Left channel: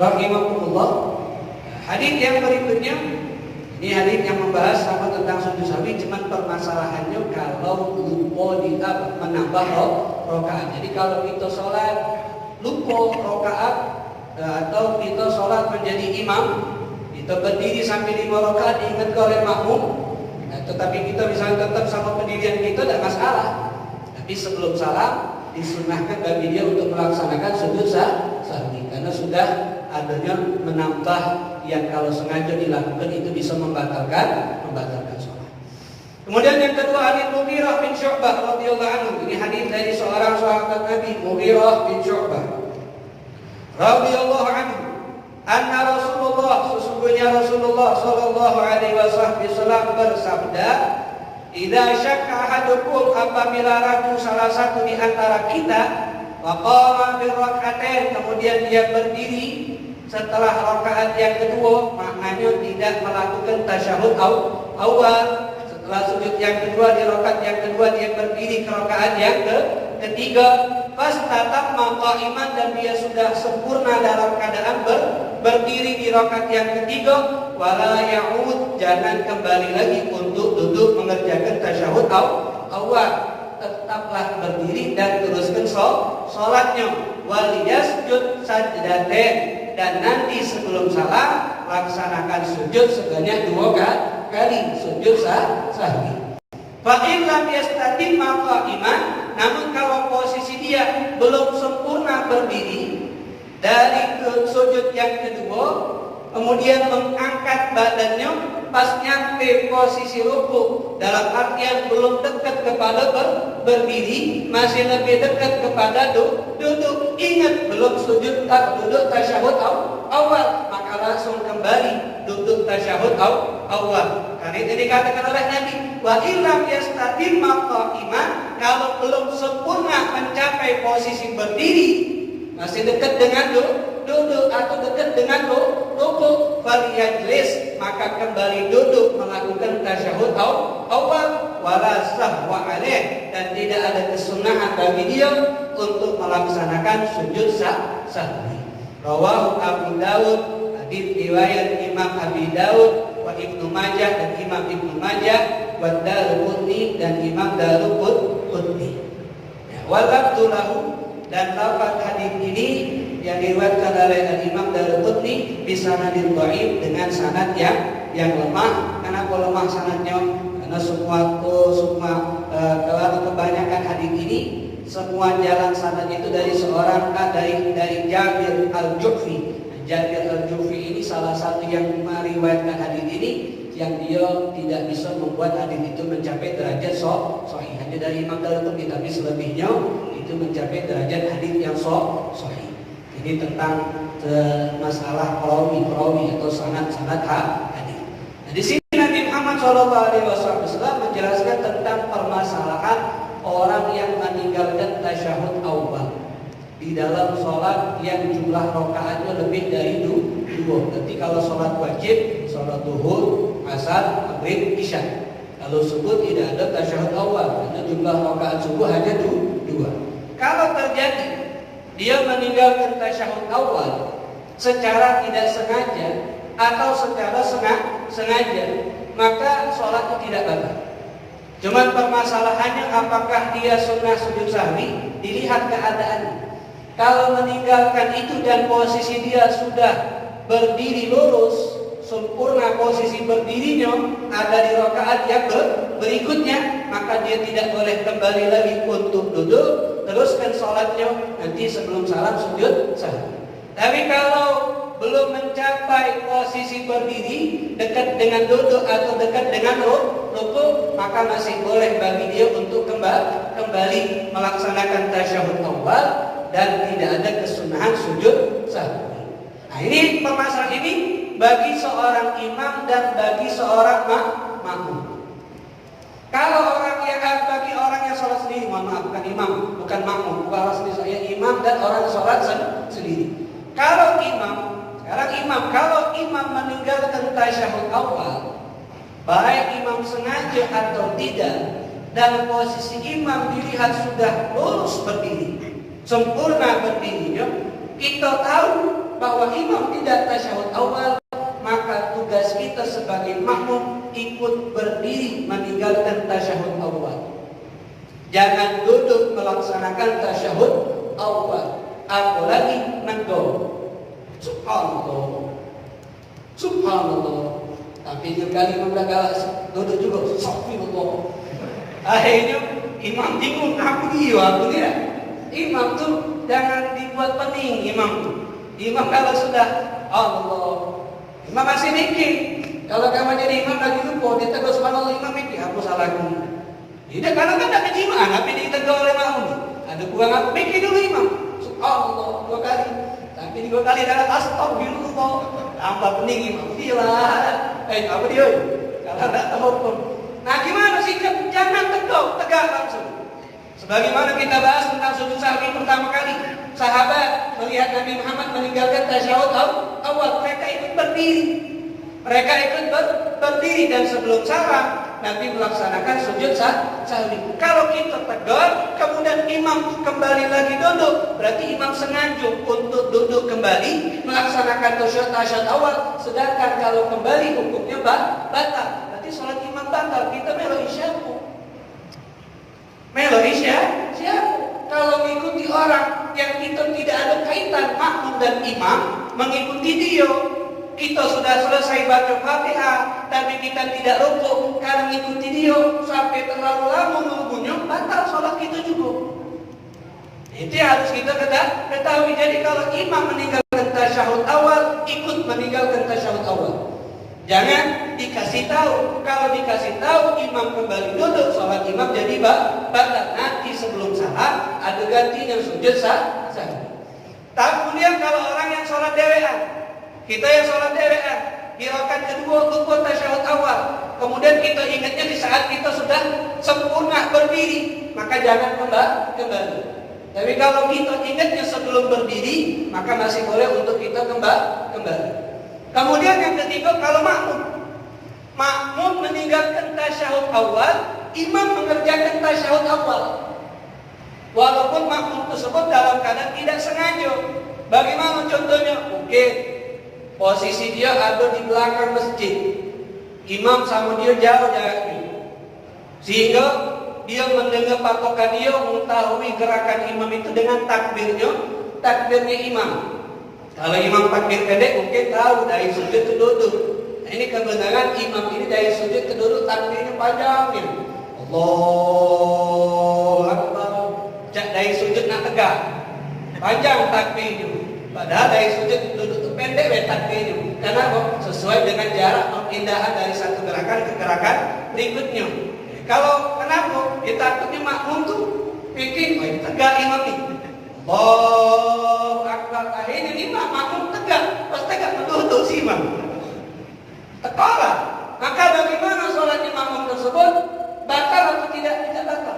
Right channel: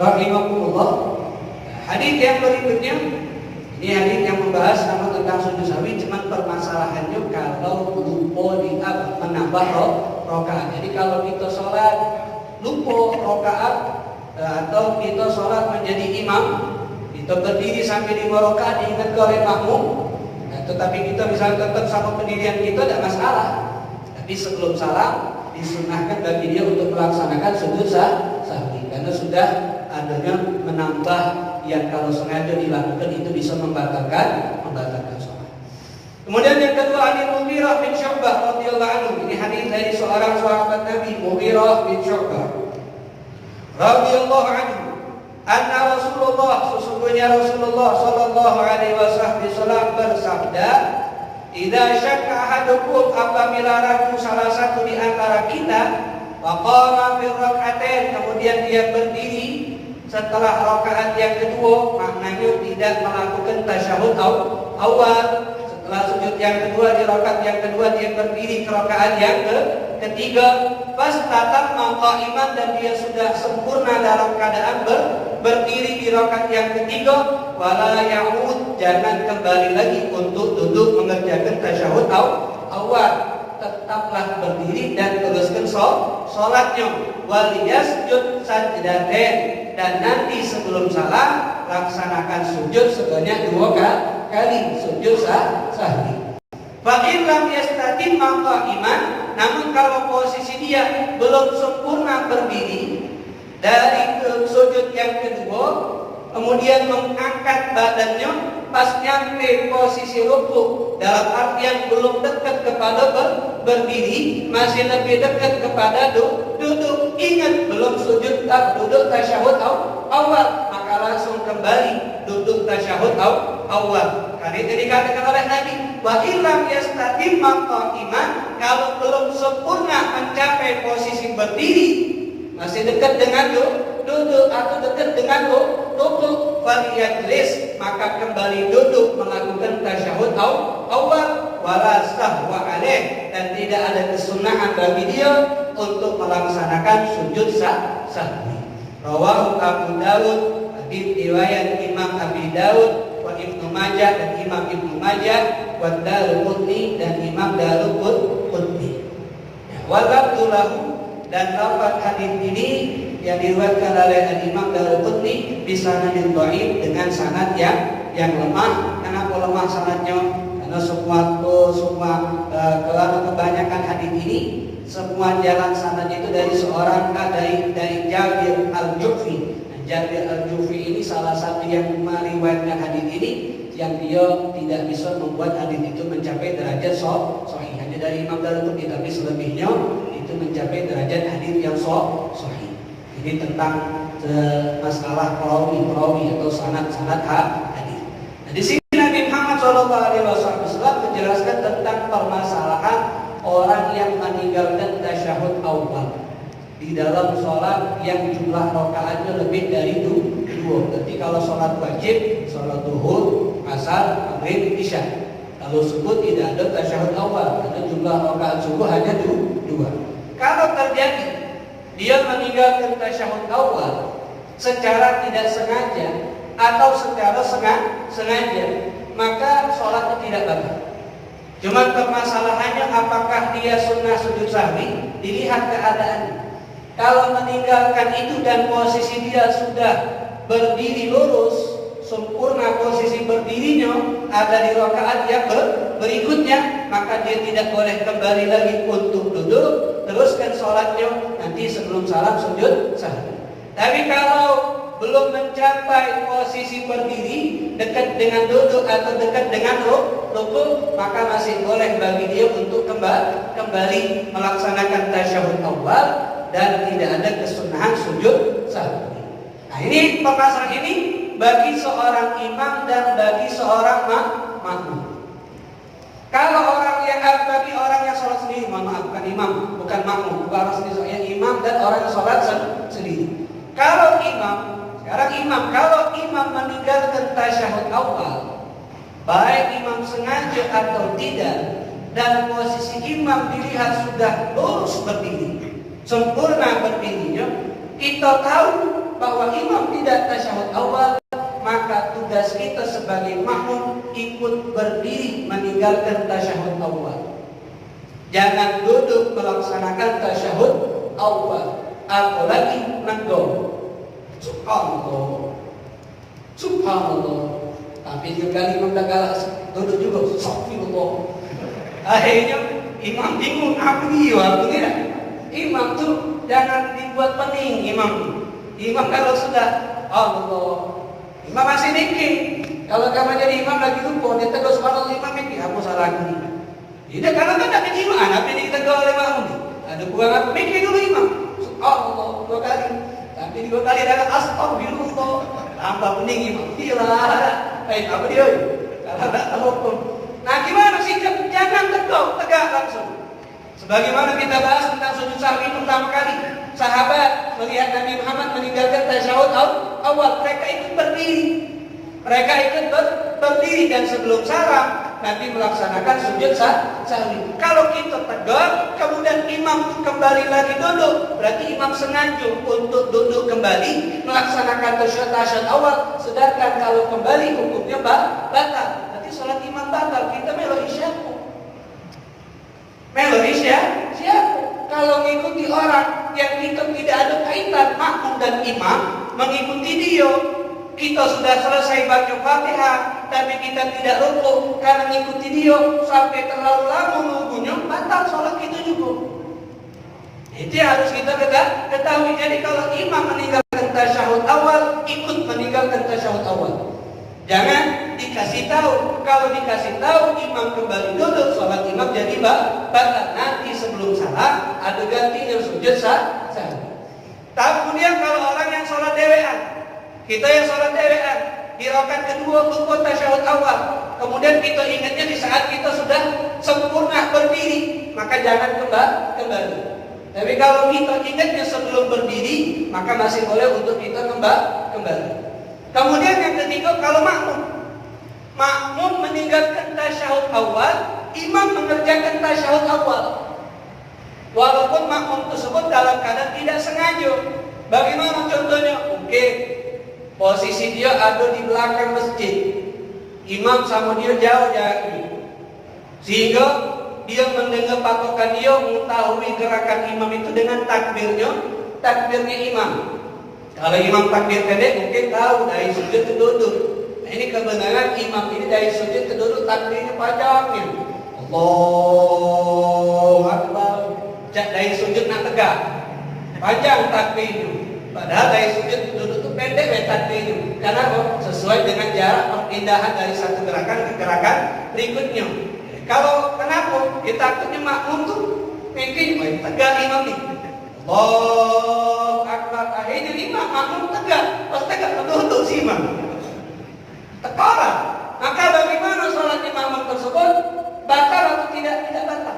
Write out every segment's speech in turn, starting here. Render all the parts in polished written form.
Rahimahullah. Hadis yang berikutnya, ini hadis yang membahas sama tentang sujud sahwi, cuman permasalahannya kalau lupa menambah rakaat. Jadi kalau kita sholat lupa rakaat atau kita sholat menjadi imam, kita berdiri sampai 5 rakaat diingat oleh makmum, tetapi kita bisa tetap sama pendirian kita, tidak masalah. Tapi sebelum salam disunahkan bagi dia untuk melaksanakan sujud sahwi, karena sudah adanya menambah yang kalau sengaja dilakukan itu bisa membatalkan sholat. Kemudian yang kedua, hadis Mughirah bin Syu'bah radhiyallahu anhu. Ini hadis dari seorang sahabat Nabi, Mughirah bin Syu'bah radhiyallahu anhu. Anna Rasulullah, sesungguhnya Rasulullah sallallahu alaihi wasallam bersabda, "Idza syakka ahadukum, apabila ragu salah satu di antara kita, waqama fi rak'atain, kemudian dia berdiri setelah rakaat yang kedua, maknanya tidak melakukan tasyahud awal. Setelah sujud yang kedua, di rakaat yang kedua dia berdiri ke rakaat yang ketiga, pas tatap qa'iman, dan dia sudah sempurna dalam keadaan berdiri di rakaat yang ketiga, wala ya'ud, jangan kembali lagi untuk duduk mengerjakan tasyahud awal. Tetaplah berdiri dan teruskan sholatnya. Wal yasjud sajdatain, dan nanti sebelum salam laksanakan sujud sebanyak 2 kali sujud sahwi. Fa in lam yastatimma qa'iman, namun kalau posisi dia belum sempurna berdiri dari sujud yang kedua, kemudian mengangkat badannya pas nyampe posisi ruku, dalam artian belum dekat kepada berdiri, masih lebih dekat kepada duduk. Ingat belum sujud duduk tasyahud awal, maka langsung kembali duduk tasyahud awal. Karena itu dikatakan oleh Nabi, wa illam yastatimma qa'iman, kalau belum sempurna mencapai posisi berdiri, masih dekat dengan duduk atau dekat dengan ruku, faliyajlis, maka kembali duduk melakukan tasyahud awal, wala sahwa alaih, dan tidak ada kesunahan bagi dia untuk melaksanakan sujud sahwi. Rawahu Abu Dawud, hadis riwayat Imam Abi Dawud, wa Ibnu Majah, dan Imam Ibnu Majah, wa Daruqutni, dan Imam Daruqutni. Walabdu lahu, dan lafaz hadis ini yang diriwayatkan oleh Imam Daruqutni bisanadin dhaif, dengan sanad yang lemah. Kenapa lemah sanadnya? Karena kebanyakan hadis ini semua jalan sanadnya itu dari seorang dari Jabir Al-Ju'fi. Jabir Al-Ju'fi ini salah satu yang meriwayatkan hadis ini, yang dia tidak bisa membuat hadis itu mencapai derajat sahih. Hanya dari Imam Daruqutni, tapi selebihnya itu mencapai derajat hadis yang sahih. Ini tentang masalah perawi atau sanad hadis. Nah, di sini Nabi Muhammad SAW menjelaskan tentang permasalahan orang yang meninggalkan tasyahud awal di dalam sholat yang jumlah rakaatnya lebih dari 2. Berarti kalau sholat wajib, sholat zuhur, asar, maghrib, isya, kalau subuh tidak ada tasyahud awal, karena jumlah rakaat subuh hanya 2. Kalau terjadi dia meninggalkan tasyahud awal secara tidak sengaja atau secara sengaja, maka sholatnya tidak batal. Cuman permasalahannya apakah dia sunnah sujud sahwi, dilihat keadaannya. Kalau meninggalkan itu dan posisi dia sudah berdiri lurus, sempurna posisi berdirinya ada di rakaat yang berikutnya, maka dia tidak boleh kembali lagi untuk duduk, teruskan sholatnya nanti sebelum salam sujud sahwi. Tapi kalau belum mencapai posisi berdiri, dekat dengan duduk atau dekat dengan ruku, maka masih boleh bagi dia untuk kembali melaksanakan tasyahud awal dan tidak ada kesunahan sujud sahwi. Nah, ini permasalahan ini bagi seorang imam dan bagi seorang makmum. Kalau bagi orang yang sholat sendiri, bukan imam, bukan makmum, bukan orang sendiri, saya imam dan orang yang sholat sendiri. Kalau imam meninggalkan tasyahud awal, baik imam sengaja atau tidak, dan posisi imam dilihat sudah lurus berdiri, sempurna berdirinya, kita tahu bahwa imam tidak tasyahud awal, maka tugas kita sebagai makmum ikut berdiri meninggalkan tasyahud awal. Jangan duduk melaksanakan tasyahud awal, apalagi nenggo. Subhanallah, subhanallah. Tapi kali imam galak duduk juga, subhanallah. Akhirnya imam bingung apa dia waktu ini. Imam tuh jangan dibuat pening imam. Imam kalau sudah Allah, imam masih mikir. Kalau kamu jadi imam lagi lupa, dia tegur subhanallah, imam mikir aku salah lagi. Tidak, karena kan ada kejiwaan, tapi ditegur oleh makmum. Ada kurang apa? Mikir dulu imam. Subhanallah 2 kali. Tapi 2 kali ada astagfirullah. Tambah pening imam. Gila. Apa dia? Kalau tidak tahu hukum. Nah, gimana sikap? Jangan tegak langsung. Sebagaimana kita bahas tentang sujud sahwi pertama kali, sahabat melihat Nabi Muhammad meninggalkan tasyahud awal, mereka ikut berdiri. Mereka ikut berdiri dan sebelum salam Nabi melaksanakan sujud sahwi. Kalau kita tegar, kemudian imam kembali lagi duduk, berarti imam sengaja untuk duduk kembali melaksanakan tasyahud awal. Sedangkan kalau kembali hukumnya batal. Berarti salat imam batal. Kita melo isyaku. Melo siapa? Kalau mengikuti orang yang kita tidak ada kaitan makmum dan imam, mengikuti dia, kita sudah selesai baca Fatihah, tapi kita tidak rukuk karena mengikuti dia sampai terlalu lama menunggunya, batal salat kita juga. Itu harus kita ketahui. Jadi kalau imam meninggalkan tasyahud awal, ikut meninggalkan tasyahud awal. Jangan dikasih tahu. Kalau dikasih tahu imam kembali duduk, salat imam jadi batal. Nanti sebelum salam ada ganti yang sujud sahwi. Kemudian kalau orang yang salat dewean, kita yang salat dewean, di rakaat kedua lupa tasyahud awal, kemudian kita ingatnya di saat kita sudah sempurna berdiri, maka jangan kembali. Tapi kalau kita ingatnya sebelum berdiri, maka masih boleh untuk kita kembali. Kemudian yang ketiga, kalau makmum meninggalkan tasyahud awal, imam mengerjakan tasyahud awal, walaupun makmum tersebut dalam keadaan tidak sengaja. Bagaimana contohnya? Oke, posisi dia ada di belakang masjid, imam sama dia jauh jaraknya, sehingga dia mendengar patokan dia, mengetahui gerakan imam itu dengan takbirnya imam. Kalau imam takbir pendek mungkin tahu dari sujud ke duduk. Nah, ini kebenaran imam ini dari sujud ke duduk takbirnya panjangnya. Allahu Akbar. Dari sujud nak tegak, panjang takbirnya. Padahal dari sujud ke duduk itu pendek takbirnya. Karena sesuai dengan jarak perpindahan dari satu gerakan ke gerakan berikutnya. Kalau kenapa? Ya takutnya makmum tuh mikir, tegak imam ini. Allahu Akbar. Akhirnya imam makmum tegak. Pas tegak duduk si imam. Tekora. Maka bagaimana sholatnya makmum tersebut? Batal atau tidak? Tidak batal.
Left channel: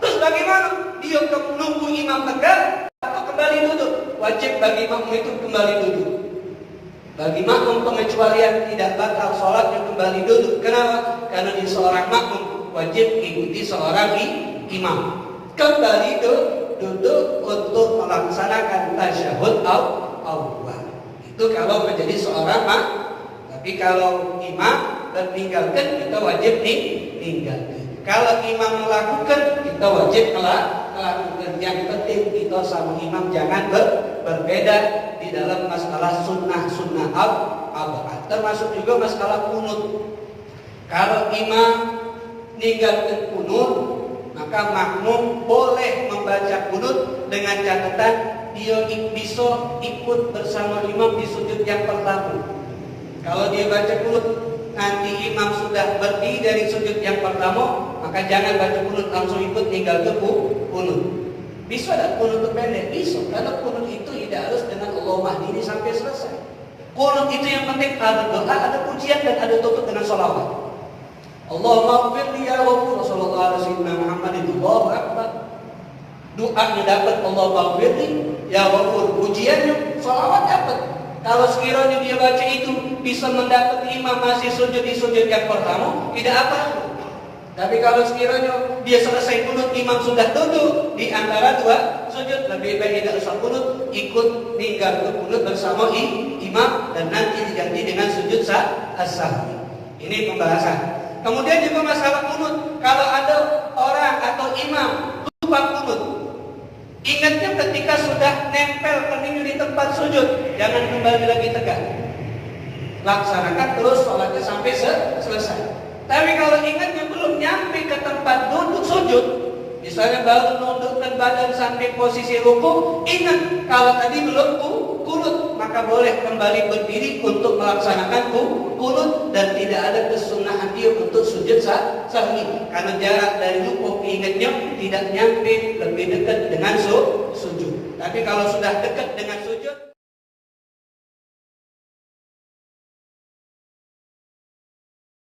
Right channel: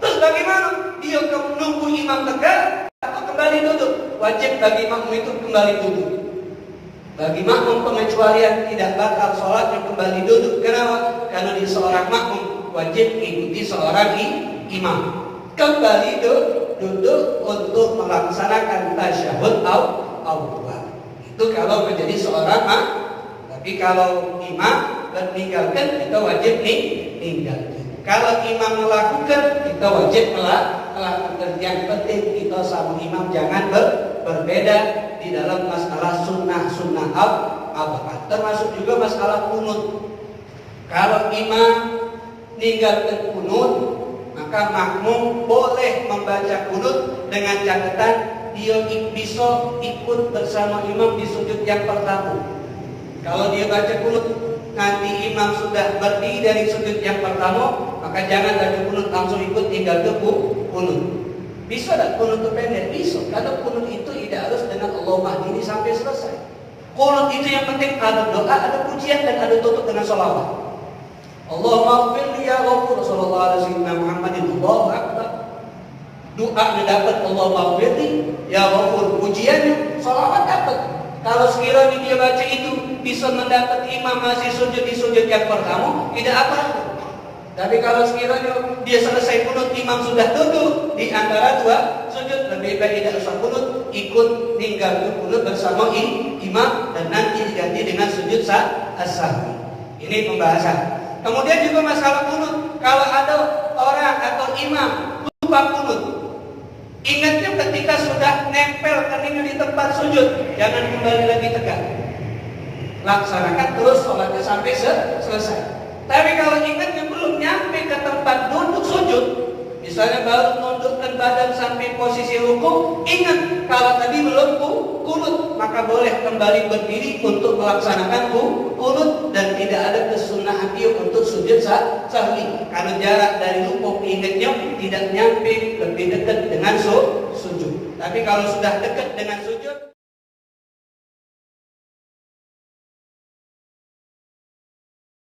Terus bagaimana? Dia menunggu imam tegak atau kembali duduk? Wajib bagi makmum itu kembali duduk. Bagi makmum pengecualian tidak batal sholatnya kembali duduk. Kenapa? Karena dia seorang makmum wajib mengikuti seorang imam. Kembali duduk untuk melaksanakan tasyahud awal. Itu kalau menjadi seorang makmum. Tapi kalau imam meninggalkan, kita wajib meninggalkan. Kalau imam melakukan, kita wajib melakukan. Yang penting kita sama imam jangan berbeda di dalam masalah sunnah abad. Termasuk juga masalah kunut. Kalau imam meninggalkan kunut, maka makmum boleh membaca kunut dengan catatan dia bisa ikut bersama imam di sujud yang pertama. Kalau dia baca kunut nanti imam sudah berdiri dari sujud yang pertama, maka jangan baca kunut langsung ikut tinggal kunut. Bisa tak kunut itu pendek? Bisa. Karena kunut itu tidak harus dengan Allahumma hdini sampai selesai. Kunut itu yang penting ada doa, ada pujian dan ada tutup dengan sholawat. Allahumma ighfirli ya Ghafur sallallahu alaihi Muhammadin Allahu akbar. Doanya dapat Allahumma ighfirli ya Ghafur, pujiannya sholawat dapat. Kalau sekiranya dia baca itu bisa mendapat imam masih sujud di sujud yang pertama, tidak apa-apa. Tapi kalau sekiranya dia selesai kunut imam sudah duduk di antara dua sujud, lebih baik tidak usah kunut, ikut ninggal kunut bersama imam dan nanti diganti dengan sujud as-sahwi. Ini pembahasan. Kemudian juga masalah kunut. Kalau ada orang atau imam lupa kunut, ingatnya ketika sudah nempel keningnya di tempat sujud, jangan kembali lagi tegak. Laksanakan terus sholatnya sampai selesai. Tapi kalau ingatnya belum nyampe ke tempat duduk sujud, misalnya baru nundukkan badan sampai posisi ruku, ingat kalau tadi belum kunut, maka boleh kembali berdiri untuk melaksanakan kunut dan tidak ada kesunahan dia untuk sujud sahwi karena jarak dari ruku ingatnya tidak nyampe lebih dekat dengan sujud. Tapi kalau sudah dekat dengan sujud